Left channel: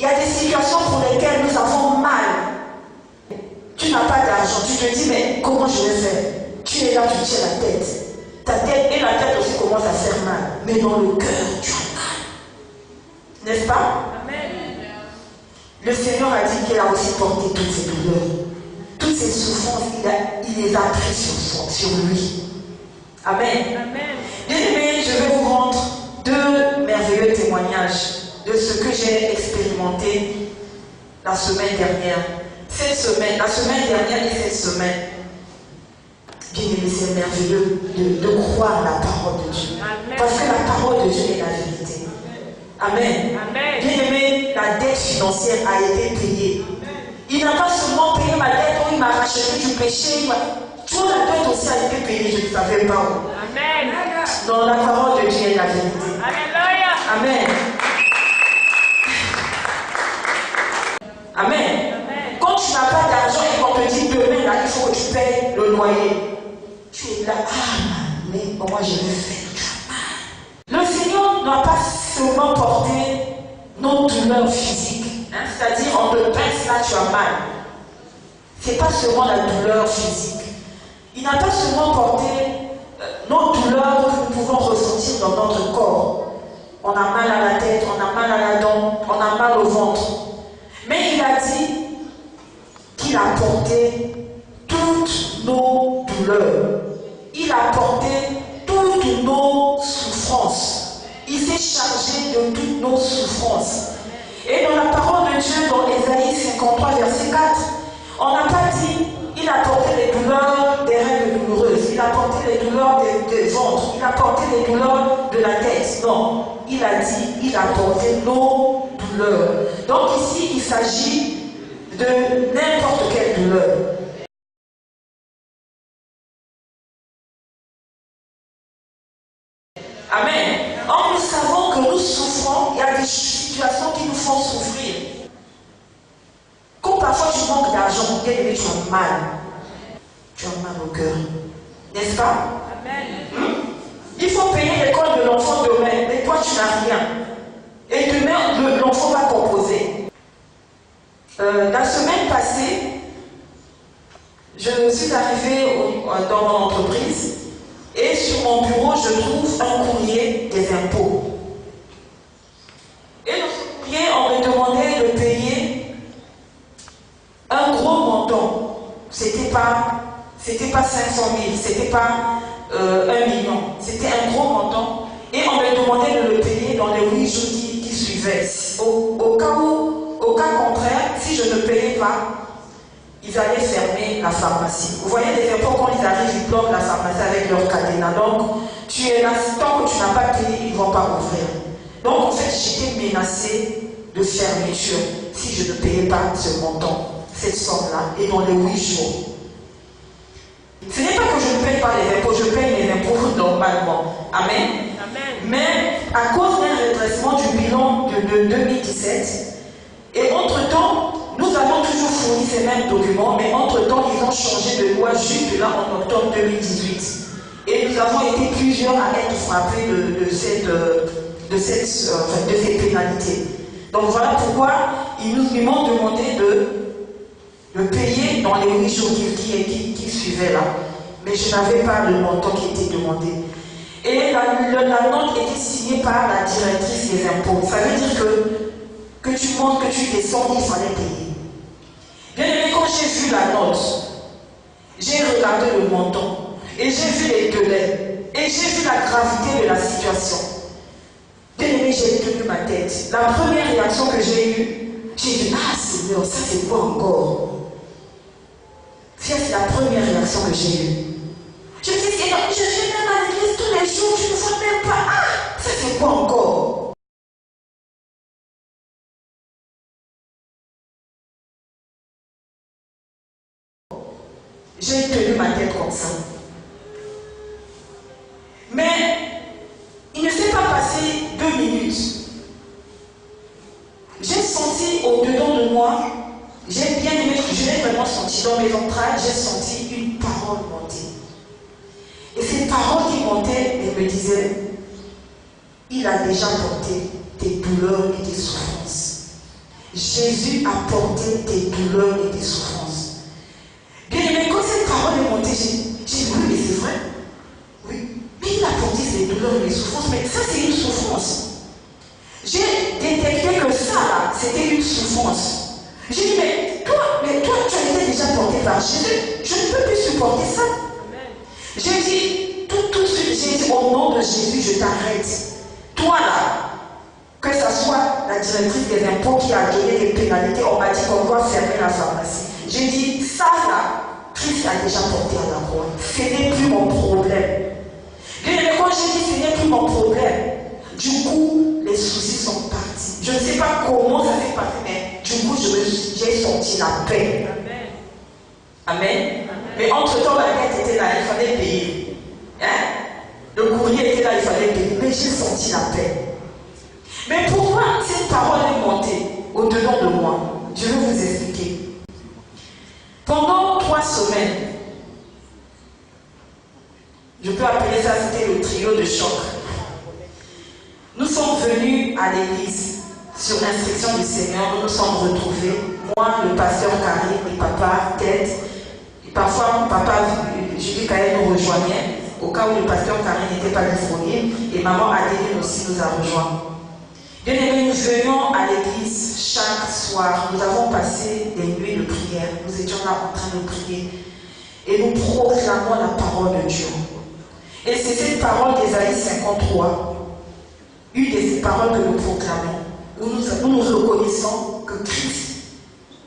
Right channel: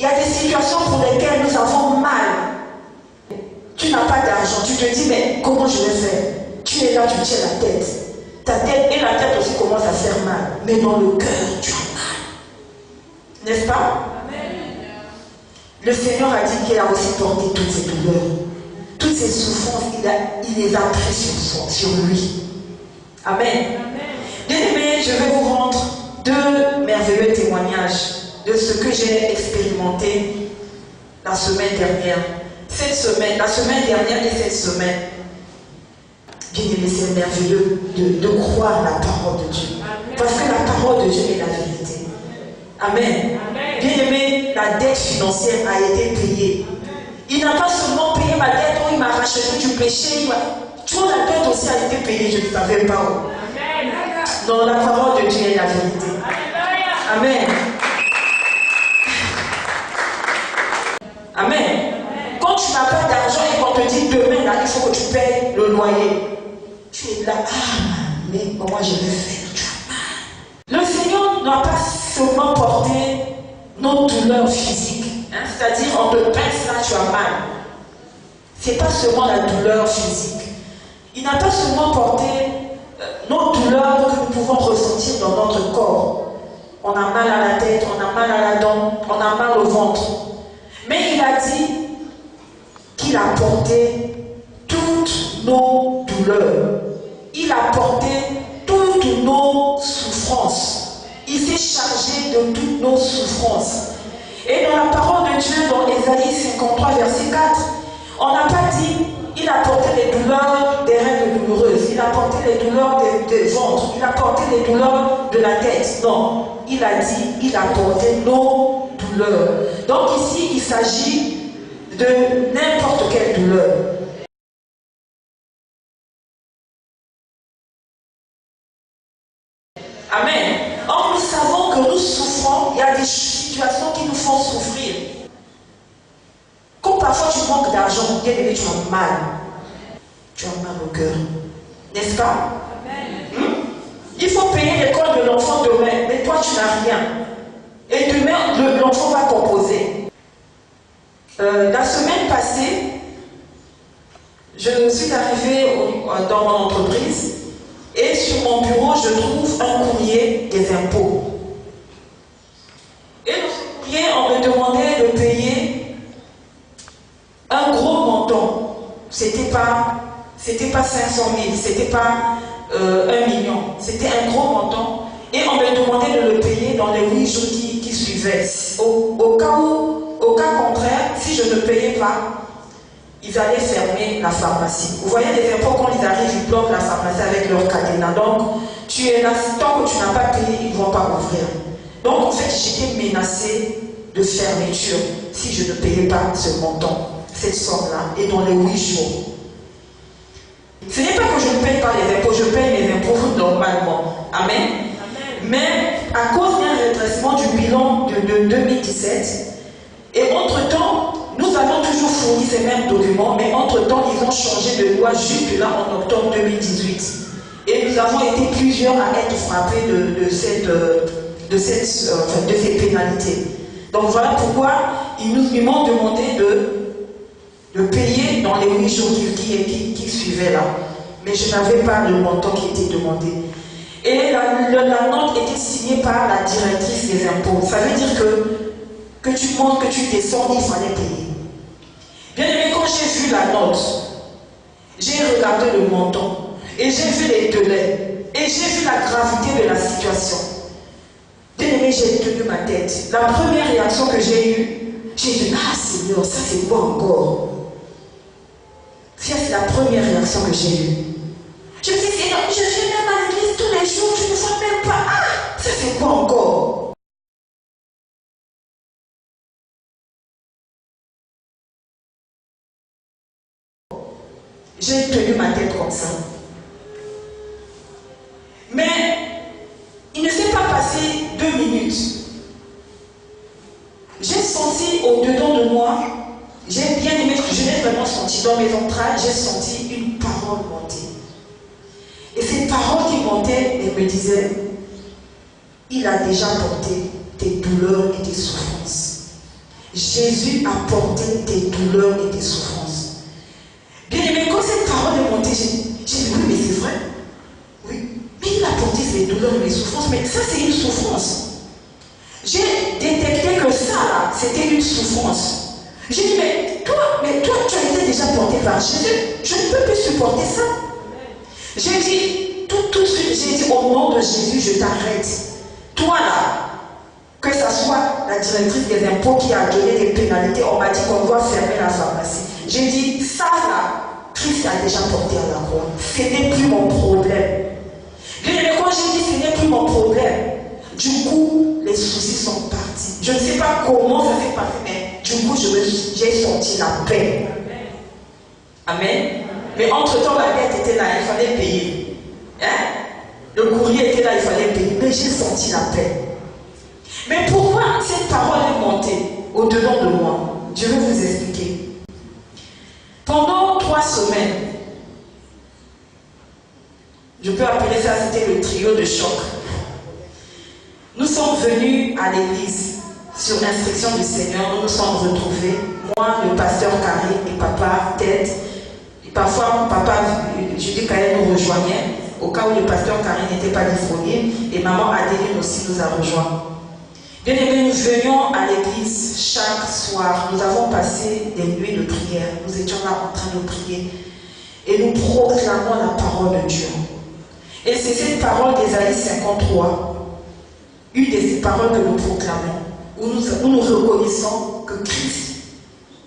Il y a des situations pour lesquelles nous avons mal. Tu n'as pas d'argent, tu te dis, mais comment je vais faire? Tu es là, tu tiens la tête. Ta tête et la tête aussi commencent à faire mal. Mais dans le cœur, tu as mal. N'est-ce pas? Amen. Le Seigneur a dit qu'il a aussi porté toutes ces douleurs. Toutes ces souffrances, il les a prises sur lui. Amen. Bien aimé, je vais vous rendre 2 merveilleux témoignages de ce que j'ai expérimenté la semaine dernière. La semaine dernière et cette semaine. Bien aimé, c'est merveilleux de croire la parole de Dieu. Amen. Parce que la parole de Dieu est la vérité. Amen. Amen. Bien aimé, la dette financière a été payée. Il n'a pas seulement payé ma dette, il m'a racheté du péché. Tu vois, la dette aussi a été payée, je ne savais pas où. Amen. Non, la parole de Dieu est la vérité. Amen. Amen. Quand tu n'as pas d'argent et qu'on te dit demain, là, il faut que tu payes le loyer. Tu es là, mais comment je vais faire? Le Seigneur n'a pas seulement porté nos douleurs physiques. C'est-à-dire, on te pince là, tu as mal. Ce n'est pas seulement la douleur physique. Il n'a pas seulement porté nos douleurs que nous pouvons ressentir dans notre corps. On a mal à la tête, on a mal à la dent, on a mal au ventre. Mais il a dit qu'il a porté toutes nos douleurs. Il a porté toutes nos souffrances. Il s'est chargé de toutes nos souffrances. Et dans la parole de Dieu, dans Ésaïe 53, verset 4, on n'a pas dit il a porté les douleurs des règles douloureuses, il a porté les douleurs des ventres, il a porté les douleurs de la tête. Non, il a dit il a porté nos douleurs. Donc ici, il s'agit de n'importe quelle douleur. Amen. Or, nous savons que nous souffrons, il y a des situations qui nous font souffrir. Quand parfois tu manques d'argent, tu as mal. Tu as mal au cœur. N'est-ce pas? Amen. Il faut payer l'école de l'enfant demain, mais toi tu n'as rien. Et demain, l'enfant va composer. La semaine passée, je suis arrivée dans mon entreprise. Et sur mon bureau, je trouve un courrier des impôts. Et dans ce courrier, on me demandait de payer un gros montant. C'était pas 500 000, c'était pas 1 million. C'était un gros montant. Et on me demandait de le payer dans les 8 jours qui suivaient. Au cas contraire, si je ne payais pas, ils allaient fermer la pharmacie. Vous voyez, les impôts, quand ils arrivent, ils bloquent la pharmacie avec leur cadenas. Donc, tu es là, tant que tu n'as pas payé, ils ne vont pas ouvrir. Donc, en fait, j'étais menacée de fermeture si je ne payais pas ce montant, cette somme-là, et dans les 8 jours. Ce n'est pas que je ne paye pas les impôts, je paye mes impôts normalement. Amen. Amen. Mais à cause d'un redressement du bilan de 2017, et entre-temps, nous avons toujours fourni ces mêmes documents, mais entre-temps, ils ont changé de loi juste là en octobre 2018. Et nous avons été plusieurs à être frappés de ces pénalités. Donc voilà pourquoi ils m'ont demandé de payer dans les 8 jours qui suivaient là. Mais je n'avais pas le montant qui était demandé. Et la note était signée par la directrice des impôts. Ça veut dire que tu montes, que tu descends, il fallait payer. Bien aimé, quand j'ai vu la note, j'ai regardé le montant, et j'ai vu les délais, et j'ai vu la gravité de la situation. Bien aimé, j'ai tenu ma tête. La première réaction que j'ai eue, j'ai dit, ah Seigneur, ça c'est quoi encore? C'est la première réaction que j'ai eue. Je me dis, Seigneur, je viens même à l'église tous les jours, je ne vois même pas, ah, ça c'est quoi encore? J'ai tenu ma tête comme ça. Mais il ne s'est pas passé 2 minutes. J'ai senti au-dedans de moi, j'ai bien aimé, je l'ai vraiment senti dans mes entrailles, j'ai senti une parole monter. Et cette parole qui montait, elle me disait, il a déjà porté tes douleurs et tes souffrances. Jésus a porté tes douleurs et tes souffrances. Bien aimé, quand cette parole est montée, j'ai dit oui, mais c'est vrai. Oui, mais il a porté ses douleurs et les souffrances, mais ça c'est une souffrance. J'ai détecté que ça là, c'était une souffrance. J'ai dit, mais toi, tu as été déjà porté par Jésus. Je ne peux plus supporter ça. J'ai dit, tout de suite, j'ai dit, au nom de Jésus, je t'arrête. Toi là, que ce soit la directrice des impôts qui a donné des pénalités, on m'a dit qu'on doit fermer la pharmacie. J'ai dit, ça là, Christ a déjà porté à la croix. Ce n'est plus mon problème. Mais quand j'ai dit, ce n'est plus mon problème, du coup, les soucis sont partis. Je ne sais pas comment ça s'est passé, mais du coup, j'ai senti la paix. Amen. Mais entre-temps, la dette était là, il fallait payer. Hein? Le courrier était là, il fallait payer. Mais j'ai senti la paix. Mais pourquoi cette parole est montée au-dedans de moi? Je vais vous expliquer. Pendant 3 semaines, je peux appeler ça, c'était le trio de choc. Nous sommes venus à l'église sur l'instruction du Seigneur. Nous nous sommes retrouvés, moi, le pasteur Carré et papa Ted. Et parfois, papa Julie Kaye nous rejoignait au cas où le pasteur Carré n'était pas disponible. Et maman Adéline aussi nous a rejoints. Bien aimés, nous venions à l'église chaque soir. Nous avons passé des nuits de prière. Nous étions là en train de prier. Et nous proclamons la parole de Dieu. Et c'est cette parole d'Ésaïe 53, une des paroles que nous proclamons, où nous reconnaissons que Christ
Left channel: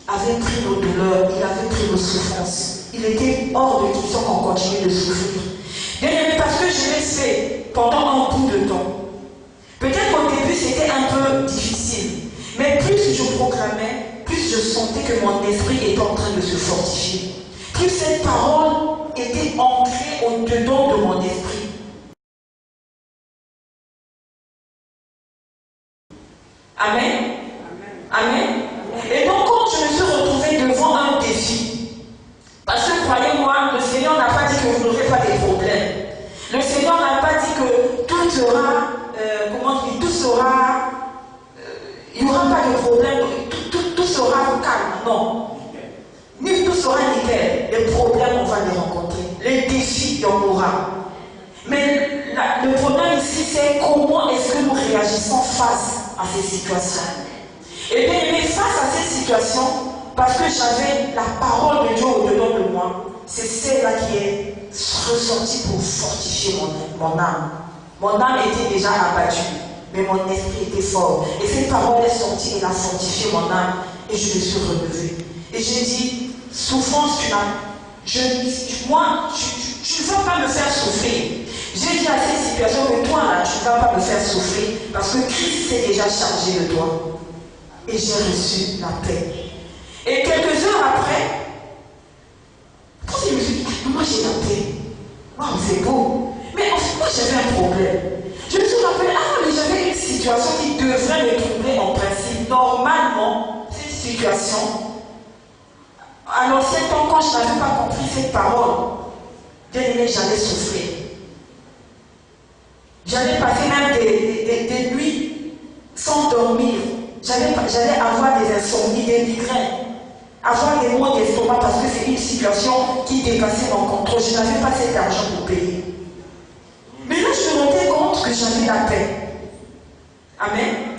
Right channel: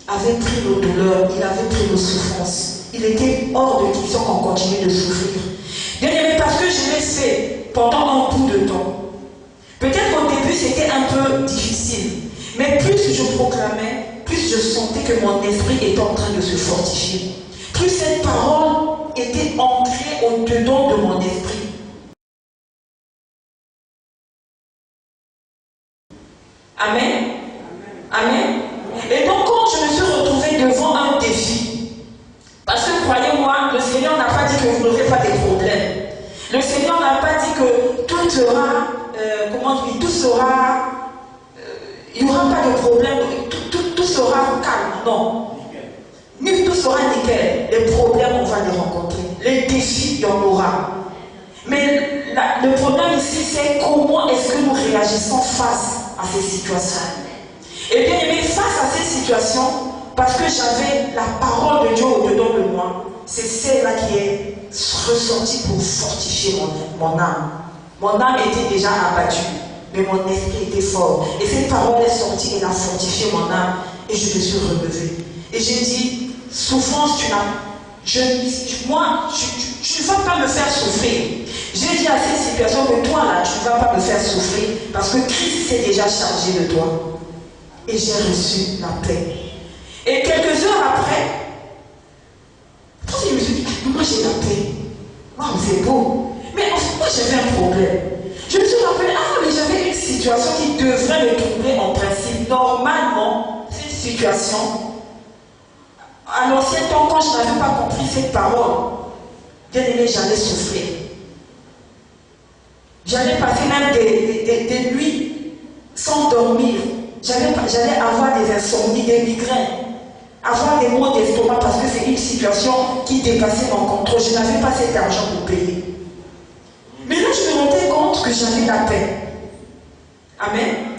avait pris nos douleurs, il avait pris nos souffrances. Il était hors de question qu'on continue de souffrir. Bien aimé, parce que je l'ai fait pendant un bout de temps. Peut-être qu'au début c'était un peu difficile, mais plus je proclamais, plus je sentais que mon esprit était en train de se fortifier. Plus cette parole était ancrée au-dedans de mon esprit. Amen. Amen. Et donc quand je me suis retrouvée devant un défi, parce que croyez-moi, le Seigneur n'a pas dit que vous n'aurez pas des problèmes. Le Seigneur n'a pas dit que tout sera, tout sera, il n'y aura pas de problème, tout sera calme. Non. Ni tout sera nickel. Les problèmes, on va les rencontrer. Les défis, il y en aura. Mais le problème ici, c'est comment est-ce que nous réagissons face à ces situations. Et bien aimé, face à ces situations, parce que j'avais la parole de Dieu au-dedans de moi, c'est celle-là qui est ressortie pour fortifier mon âme. Mon âme était déjà abattue, mais mon esprit était fort. Et cette parole est sortie, elle a fortifié mon âme, et je me suis relevée. Et j'ai dit, souffrance, tu ne vas pas me faire souffrir. J'ai dit à cette situation que toi, là, tu ne vas pas me faire souffrir, parce que Christ s'est déjà chargé de toi. Et j'ai reçu la paix. Et quelques heures après, je me suis dit, moi j'ai la paix. Waouh, c'est beau. Mais moi j'avais un problème. Je me suis rappelé, mais j'avais une situation qui devrait me troubler en principe. Normalement, cette situation, à l'ancien temps, quand je n'avais pas compris cette parole, bien aimé, j'allais souffrir. J'allais passer même des nuits sans dormir. J'allais avoir des insomnies, des migraines, avoir des maux d'estomac parce que c'est une situation qui dépassait mon contrôle. Je n'avais pas cet argent pour payer. Mais là, je me rendais compte que j'avais la paix. Amen.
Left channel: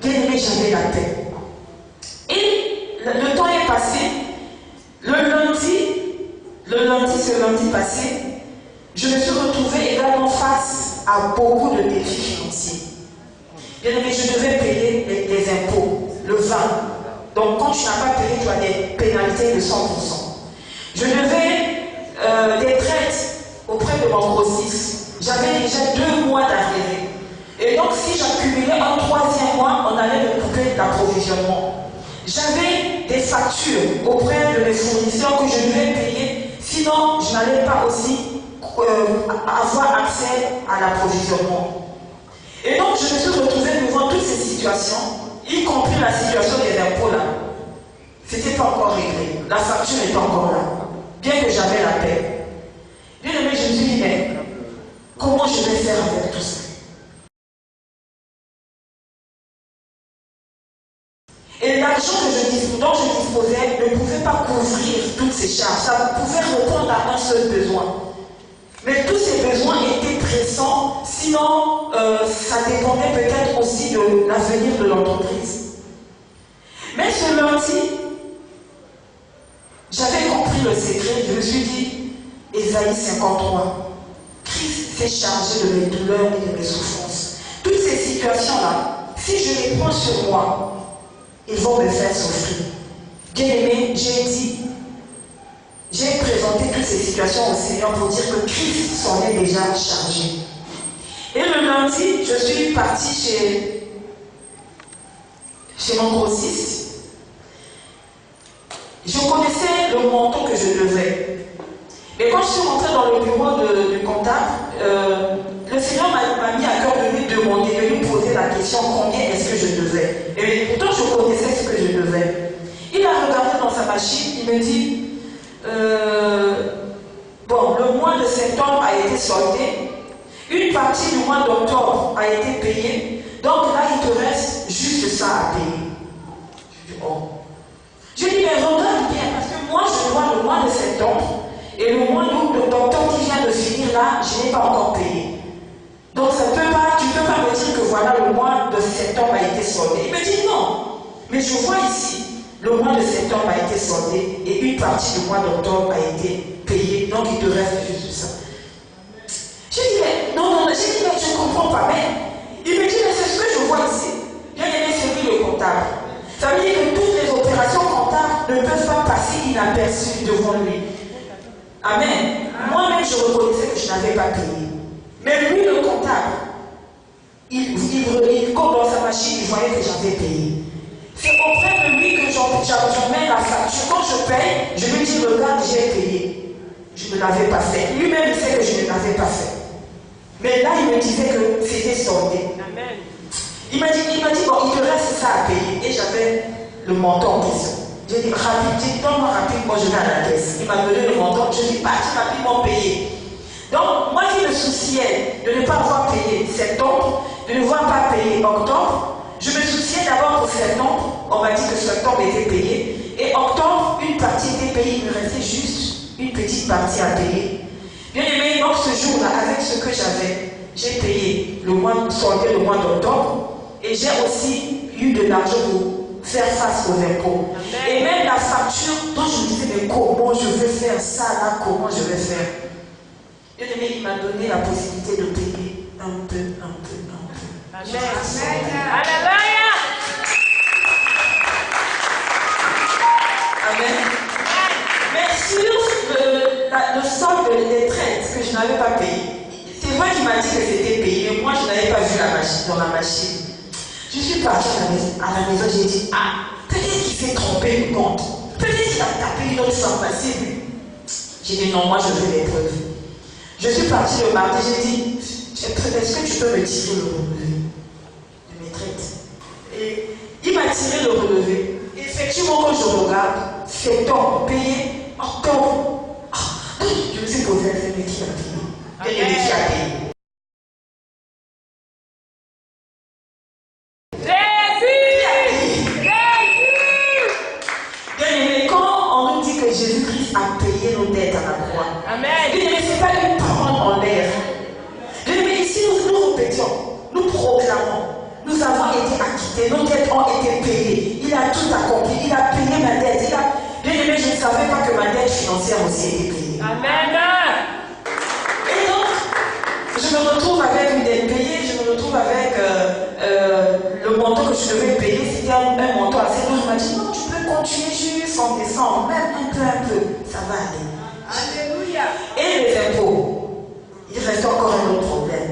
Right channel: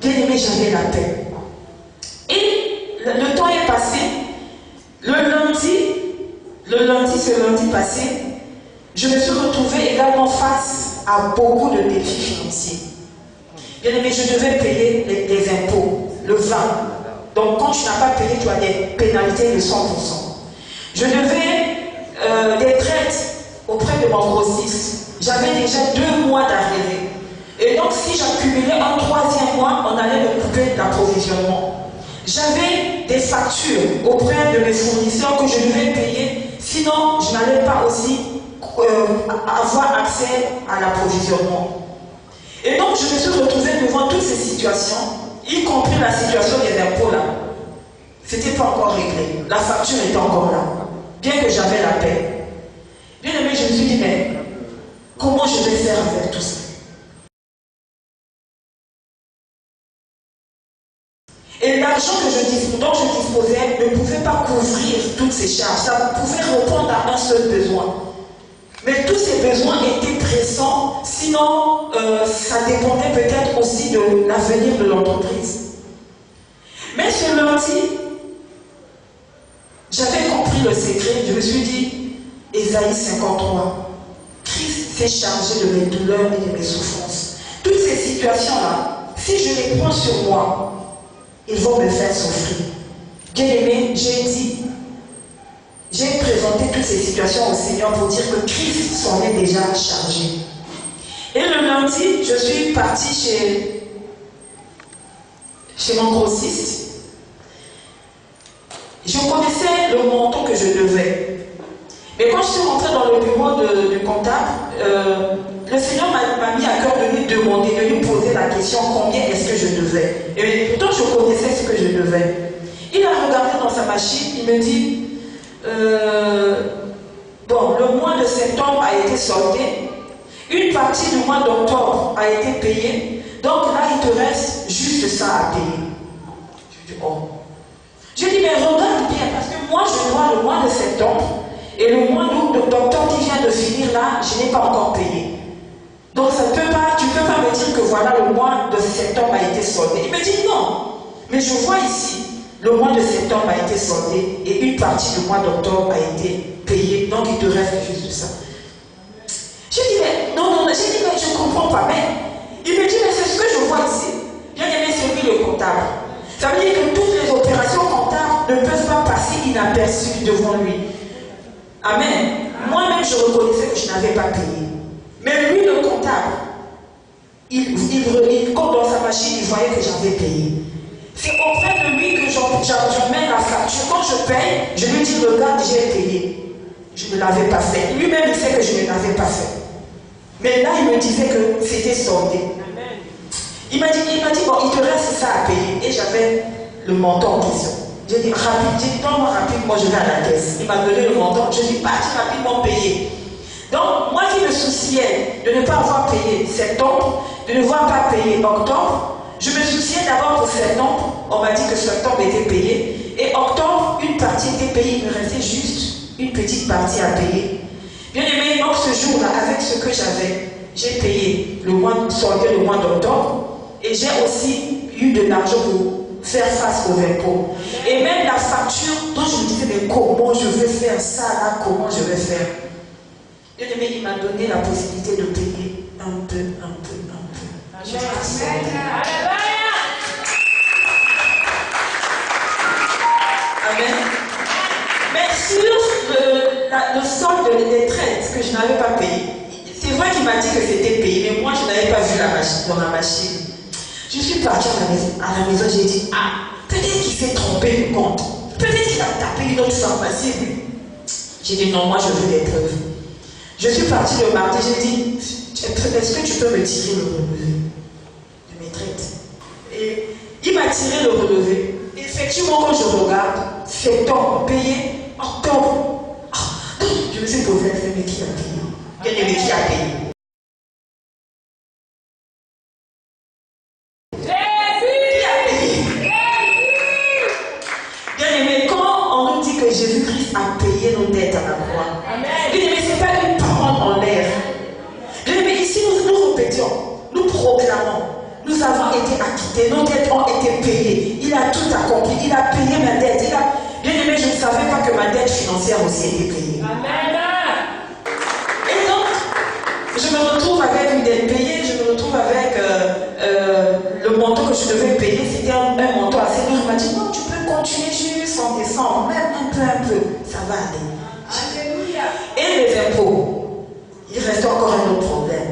Bien aimé, j'avais la paix. Et le temps est passé. Le lundi, ce lundi passé, je me suis retrouvée également face à beaucoup de défis financiers. Bien aimé, je devais payer les impôts, le vin. Donc quand tu n'as pas payé, tu as des pénalités de 100%. Je devais des traites auprès de mon grossiste. J'avais déjà 2 mois d'arrivée. Et donc si j'accumulais un 3e mois, on allait me couper l'approvisionnement. J'avais des factures auprès de mes fournisseurs que je devais payer, sinon je n'allais pas aussi avoir accès à l'approvisionnement. Et donc je me suis retrouvée devant toutes ces situations, y compris la situation des impôts là. C'était pas encore réglé, la facture était encore là, bien que j'avais la paix. Bien aimé, je me suis dit, mais comment je vais faire avec tout ça? Et l'argent l'argent dont je disposais ne pouvait pas couvrir toutes ces charges. Ça pouvait répondre à un seul besoin. Mais tous ces besoins étaient pressants, sinon ça dépendait peut-être aussi de l'avenir de l'entreprise. Mais ce lundi, j'avais compris le secret. Je me suis dit, Ésaïe 53, Christ s'est chargé de mes douleurs et de mes souffrances. Toutes ces situations-là, si je les prends sur moi, ils vont me faire souffrir. Bien aimé, j'ai présenté toutes ces situations au Seigneur pour dire que Christ s'en est déjà chargé. Et le lundi, je suis partie chez mon grossiste. Je connaissais le montant que je devais. Mais quand je suis rentrée dans le bureau du comptable, le Seigneur m'a mis à cœur de lui demander, de lui poser la question combien est-ce que je devais. Et pourtant, je connaissais ce que je devais. Il a regardé dans sa machine, il me dit, bon, le mois de septembre a été soldé, une partie du mois d'octobre a été payée, donc là, il te reste juste ça à payer. Je dis, oh. Je dis, mais regarde bien, parce que moi, je dois le mois de septembre, et le mois d'octobre qui vient de finir là, je n'ai pas encore payé. Donc tu ne peux pas me dire que voilà, le mois de septembre a été soldé. Il me dit non. Mais je vois ici, le mois de septembre a été soldé et une partie du mois d'octobre a été payée. Donc il te reste juste ça. Je dis, mais non, j'ai dit, mais je ne comprends pas. Mais il me dit, mais c'est ce que je vois ici. Bien aimé, c'est lui le comptable. Ça veut dire que toutes les opérations comptables ne peuvent pas passer inaperçues devant lui. Amen. Moi-même, je reconnaissais que je n'avais pas payé. Mais lui, le comptable, il compte dans sa machine, il voyait que j'avais payé. C'est auprès de lui que je mets la facture. Quand je paye, je lui dis, regarde, j'ai payé. Je ne l'avais pas fait. Lui-même, il sait que je ne l'avais pas fait. Mais là, il me disait que c'était soldé. Amen. Il m'a dit, bon, il te reste ça à payer. Et j'avais le montant en question. J'ai dit, donne-moi rapidement, je vais à la caisse. Il m'a donné le montant. Je dis, parti rapidement payer. Donc, moi qui me souciais de ne pas avoir payé septembre, de ne pas payer octobre, je me souciais d'abord pour septembre. On m'a dit que septembre était payé. Et octobre, une partie était payée. Il me restait juste une petite partie à payer. Bien aimé, donc ce jour-là, avec ce que j'avais, j'ai payé le mois d'octobre. Et j'ai aussi eu de l'argent pour faire face aux impôts. Et même la facture dont je me disais, mais comment je vais faire ça là, comment je vais faire. Dieu aimé, il m'a donné la possibilité de payer un peu. Amen. Amen. Mais sur le solde des traites que je n'avais pas payé, c'est vrai qu'il m'a dit que c'était payé, mais moi je n'avais pas vu la machine dans la machine. Je suis partie à la maison, j'ai dit, peut-être qu'il s'est trompé le compte. Peut-être qu'il a tapé une autre pharmacie. J'ai dit, non, moi je veux les preuves. Je suis partie le mardi, j'ai dit, est-ce que tu peux me tirer le relevé de mes traites? Et il m'a tiré le relevé. Effectivement, quand je regarde, septembre payé, octobre. Je me suis posé la question, mais qui a payé? Qui a payé? Jésus-Christ a payé nos dettes à la croix. Amen. Mais ce n'est pas une parole en l'air. Mais ici, nous répétons, nous proclamons, nous avons été acquittés, nos dettes ont été payées. Il a tout accompli, il a payé ma dette. Bien aimé, je ne savais pas que ma dette financière aussi était payée. Amen. Et donc, je me retrouve avec une dette payée, je me retrouve avec le montant que je devais payer, c'était un montant assez lourd. Je m'a dit, non, tu peux continuer jusqu'en décembre, même un peu, ça va aller. Alléluia. Et les impôts, il reste encore un autre problème.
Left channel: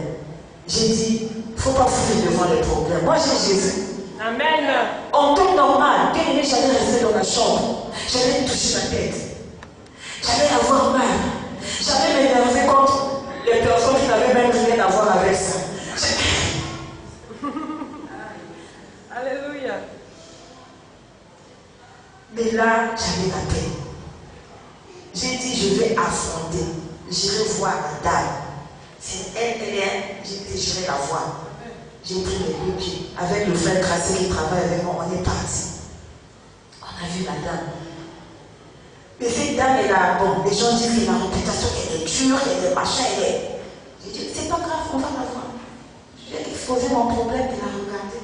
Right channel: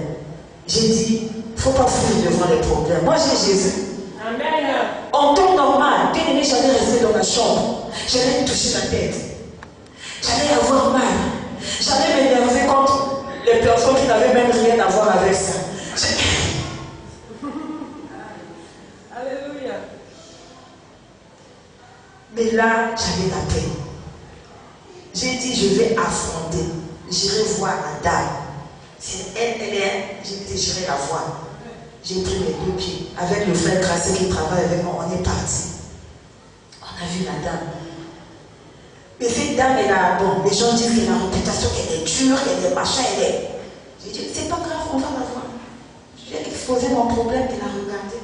J'ai dit, il ne faut pas fuir devant les problèmes. Moi, j'ai Jésus. Amen. En temps normal, bien aimé, j'allais rester dans ma chambre. J'allais me toucher la tête. J'allais avoir mal. J'allais m'énerver contre les personnes qui n'avaient même rien à voir avec ça. Alléluia. Mais là, j'avais la paix. J'ai dit, je vais affronter. J'irai voir la dame. C'est elle, j'irai la voir. J'ai pris mes deux pieds. Avec le frère Gracé qui travaille avec moi, on est parti. On a vu la dame. Mais cette dame, elle a, bon, les gens disent que la réputation, qu'elle est dure, qu'elle est machin, elle est. J'ai dit, c'est pas grave, on va la voir. J'ai exposé mon problème, elle a regardé.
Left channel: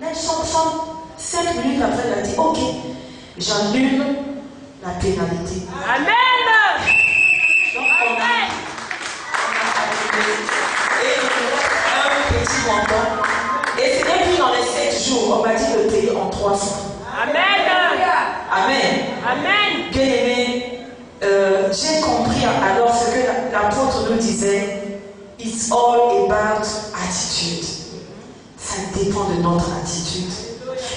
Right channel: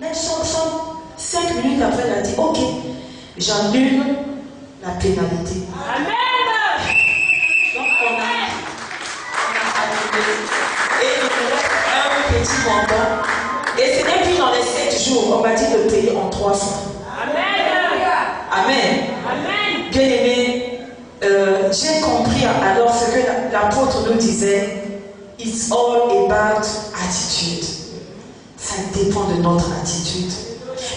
Même sans 5 minutes après, elle a dit, ok, j'annule la pénalité. Amen. Donc on a annulé. Et un petit montant. Et puis dans les 7 jours, on m'a dit de payer en 300. Amen. Amen. Amen. Bien aimé, j'ai compris alors ce que l'apôtre nous disait. It's all about attitude. Ça dépend de notre attitude.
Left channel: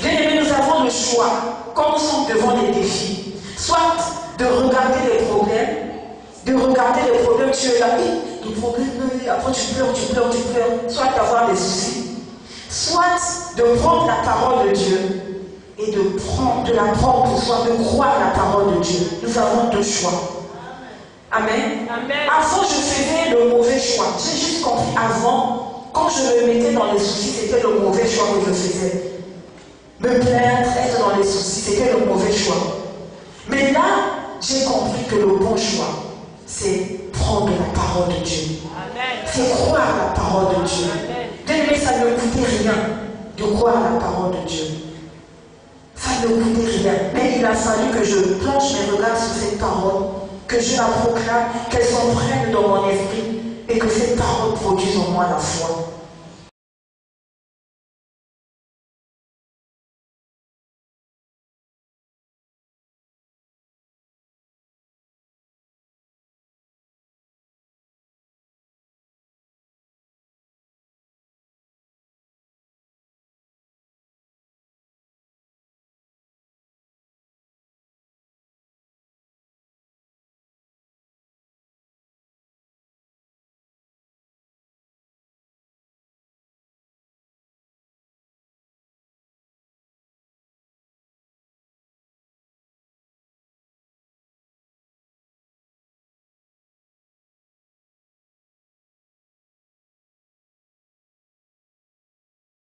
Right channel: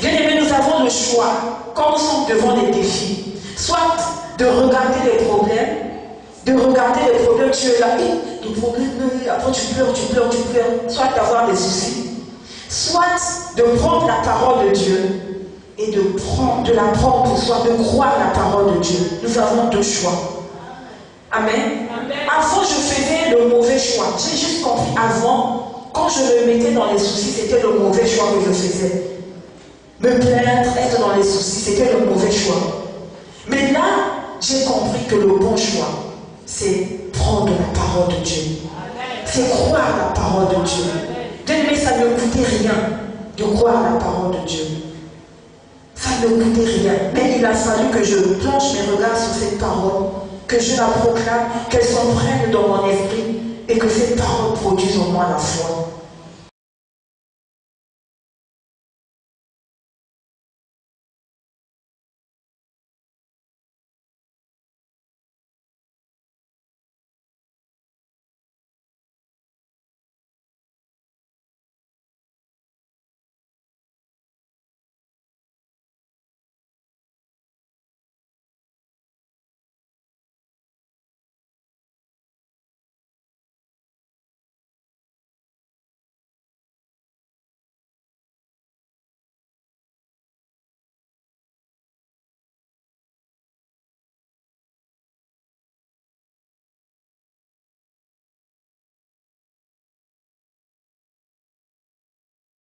Bien aimé, nous avons le choix, quand nous sommes devant les défis, soit de regarder les problèmes, tu es là, les problèmes, après tu pleures, soit d'avoir des soucis, soit de prendre la parole de Dieu et de la prendre pour soi, de croire la parole de Dieu. Nous avons 2 choix. Amen. Amen. Avant, je faisais le mauvais choix. J'ai juste compris avant, quand je me mettais dans les soucis, c'était le mauvais choix que je faisais. Me plaindre, être dans les soucis, c'était le mauvais choix. Mais là, j'ai compris que le bon choix, c'est prendre la parole de Dieu. C'est croire la parole de Dieu. Bien aimé, ça ne coûtait rien de croire la parole de Dieu. Ça ne coûtait rien. Mais il a fallu que je plonge mes regards sur cette parole, que je la proclame, qu'elle s'imprègne dans mon esprit et que cette parole produise en moi la foi.